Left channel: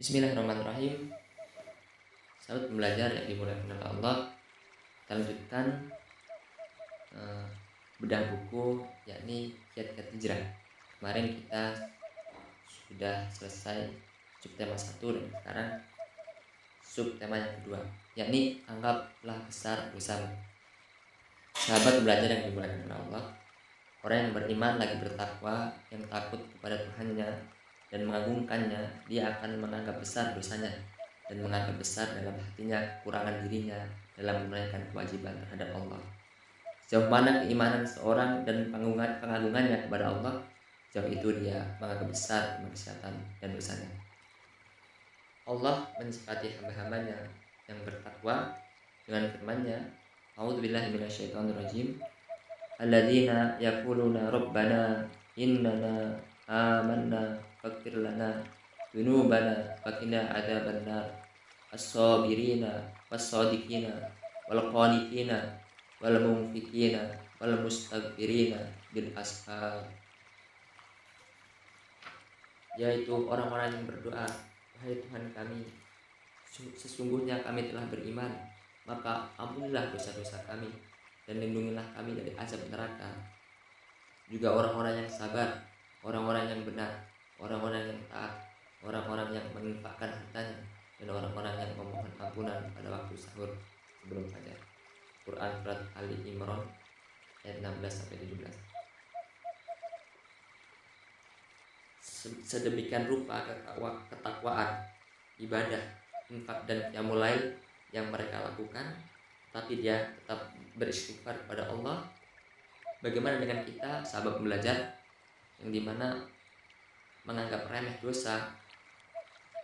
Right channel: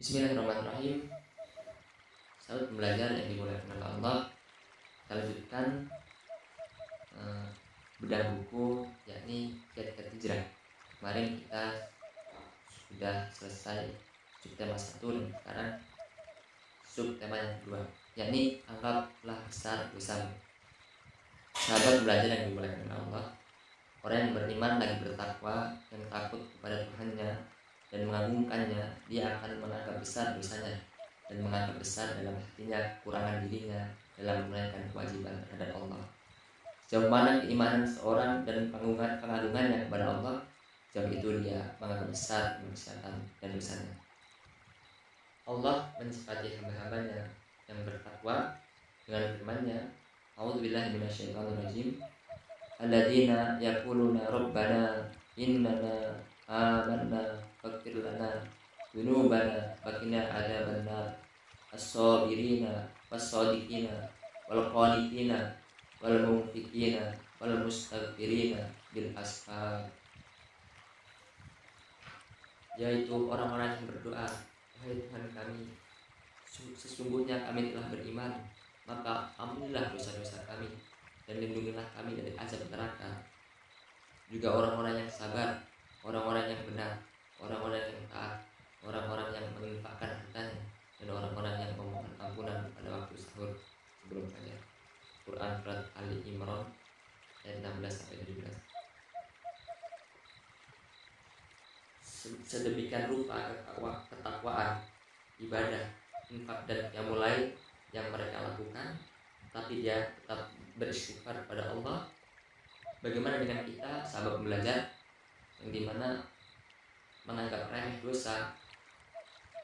Bismillahirrahmanirrahim. Sahabat pembelajar yang dimuliakan oleh Allah, kita lanjutkan bedah buku yakni Kiat-Kiat Hijrah. Kemarin kita sudah selesai subtema 1 dan sekarang subtema yang kedua, yakni anggaplah besar dosamu. Sahabat pembelajar yang dimuliakan oleh Allah, orang yang beriman lagi bertakwa, yang takut kepada Tuhannya dan mengagungkannya, dia akan menganggap besar dosanya dan menganggap besar dalam hatinya kekurangan dirinya dalam menunaikan kewajiban terhadap Allah. Sejauh mana keimanan seorang dan pengagungannya kepada Allah, sejauh itu dia menganggap besar kemaksiatan dan dosanya. Allah mensifati hamba-hambanya yang bertakwa dengan firman-Nya, A'udzubillahi minasyaitonirrajim, alladzina yaquluna rabbana innana amanna faghfir lana dzunubana wa qina adzabannar as-sabirina was-shadiqina wal qanitina wal munfiqina wal mustaghfirina bil ashar, yaitu orang-orang yang berdoa, wahai Tuhan kami, sesungguhnya kami telah beriman, maka ampunilah dosa-dosa kami dan lindungilah kami dari azab neraka. Juga orang-orang yang sabar, orang-orang yang benar, orang-orang yang taat, orang-orang yang menginfakkan hartanya, dan orang-orang yang memohon ampunan pada waktu sahur sebelum fajar. Quran Surat Ali Imran ayat 16-17. Sedemikian rupa ketakwaan, ibadah, infak dan qiyamul lail yang mereka lakukan, tapi dia tetap beristighfar kepada Allah. Bagaimana dengan kita, sahabat pembelajar, yang dimana menganggap remeh dosa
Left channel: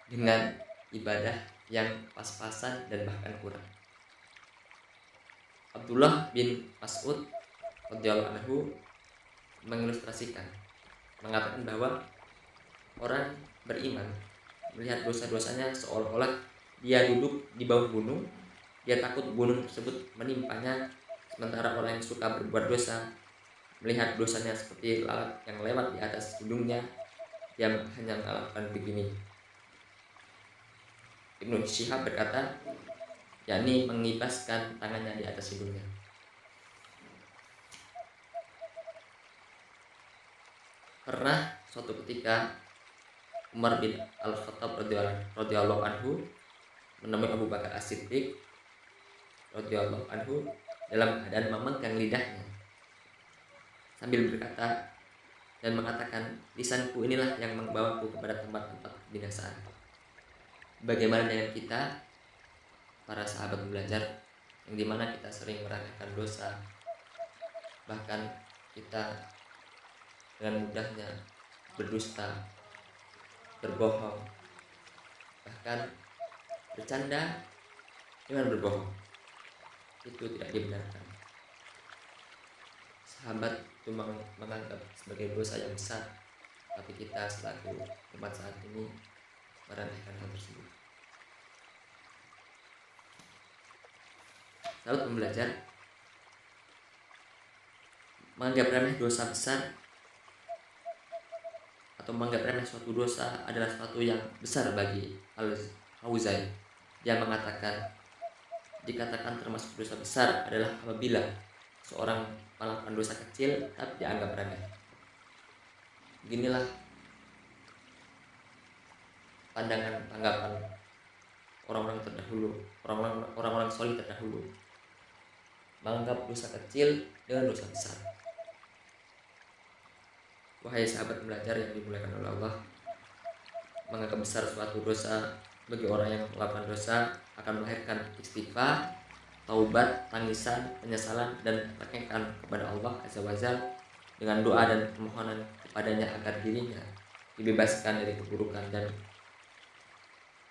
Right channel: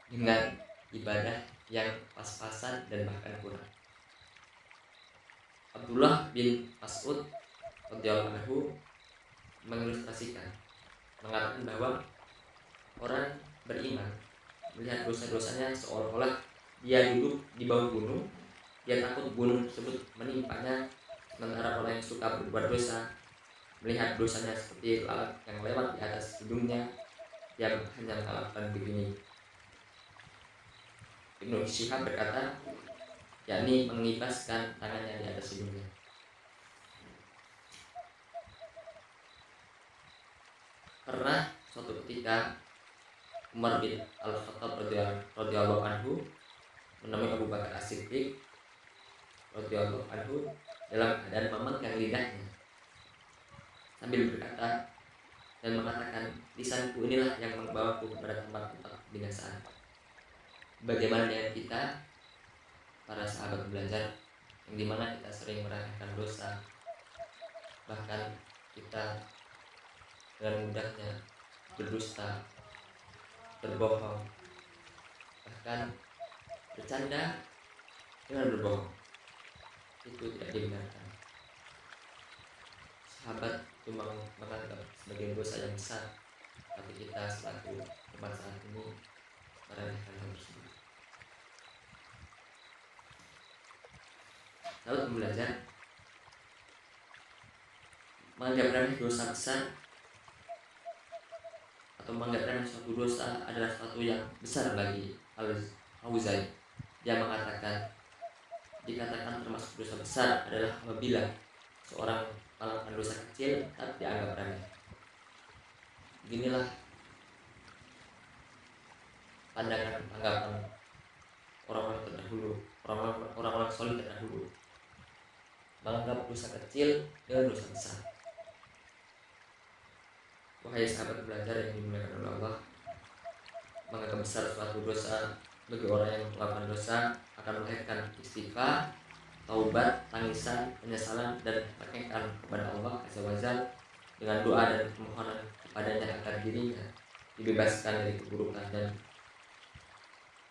dengan ibadah yang pas-pasan dan bahkan kurang? Abdullah bin Mas'ud radhiyallahu anhu mengilustrasikan, mengatakan bahwa orang beriman melihat dosa-dosanya seolah-olah dia duduk di bawah gunung, dia takut gunung tersebut menimpanya, sementara orang yang suka berbuat dosa melihat dosanya seperti lalat yang lewat di atas hidungnya, dia hanya mengatakan begini. Ibnu Syihab berkata, yakni mengibaskan tangannya di atas hidungnya. Pernah suatu ketika Umar bin Al-Khattab radhiyallahu anhu menemui Abu Bakar As-Siddiq radhiyallahu anhu dalam keadaan memegang lidahnya sambil berkata dan mengatakan, lisanku inilah yang membawaku kepada tempat-tempat binasaan. Bagaimana dengan kita, para sahabat belajar, yang dimana kita sering melakukan dosa, bahkan kita dengan mudahnya berdusta, berbohong, bahkan bercanda dengan berbohong, itu tidak dibenarkan. Sahabat itu menganggap sebagai dosa yang besar, tapi kita selaku umat saat ini meremehkan hal tersebut. Lalu pembelajar, menganggap remeh dosa besar atau menganggap remeh suatu dosa adalah suatu yang besar bagi Al-Auza'i. Dia mengatakan, dikatakan termasuk dosa besar adalah apabila seorang melakukan dosa kecil tapi dianggap remeh. Beginilah pandangan tanggapan orang-orang terdahulu, orang-orang soleh terdahulu, menganggap dosa kecil dengan dosa besar. Wahai sahabat belajar yang dimuliakan oleh Allah, menganggap besar suatu dosa bagi orang yang melakukan dosa akan melahirkan istighfar, taubat, tangisan, penyesalan, dan kekengkan kepada Allah Azza wa Jalla dengan doa dan permohonan kepadanya agar dirinya dibebaskan dari keburukan dan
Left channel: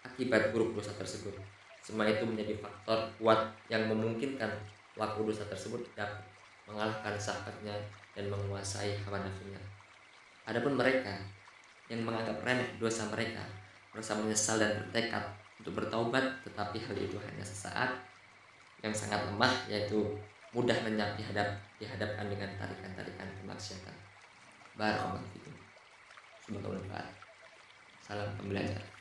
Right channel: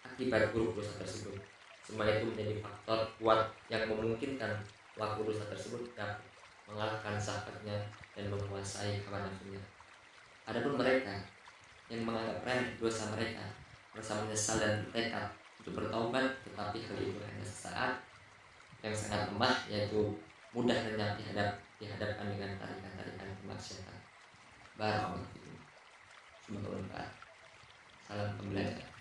akibat buruk dosa tersebut. Semua itu menjadi faktor kuat yang memungkinkan pelaku dosa tersebut dapat mengalahkan sahabatnya dan menguasai hawa nafsunya. Adapun mereka yang menganggap remeh dosa mereka, merasa menyesal dan bertekad untuk bertaubat, tetapi hal itu hanya sesaat, yang sangat lemah, yaitu mudah lenyap dihadapkan dengan tarikan-tarikan kemaksiatan. Barakallahu fikum. Semoga bermanfaat. Salam pembelajar.